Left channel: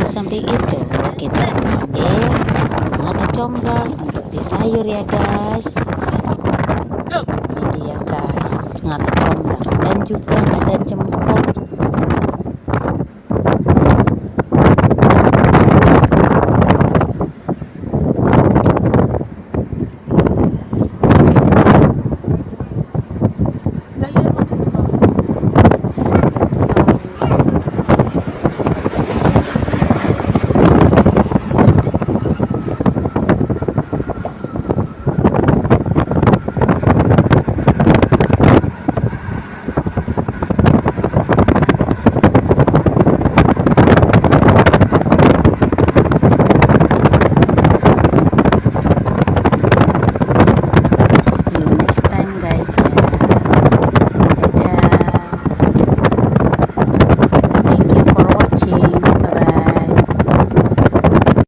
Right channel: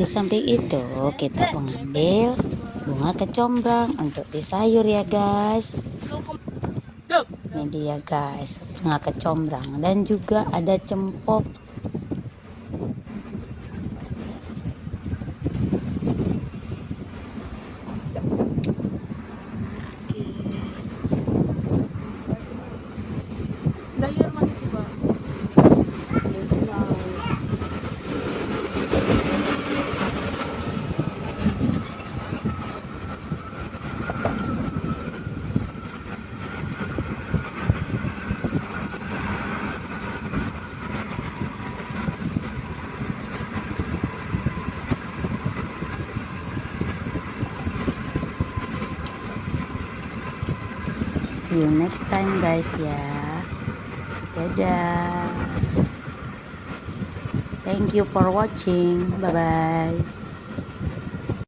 Di samping itu kita mengambil bunga kecombrang untuk disayur ya guys. Ini dia guys, bunga kecombrang dan juga ada cempok. See you next time guys ya. Dadah. Thank you for watching. Bye bye.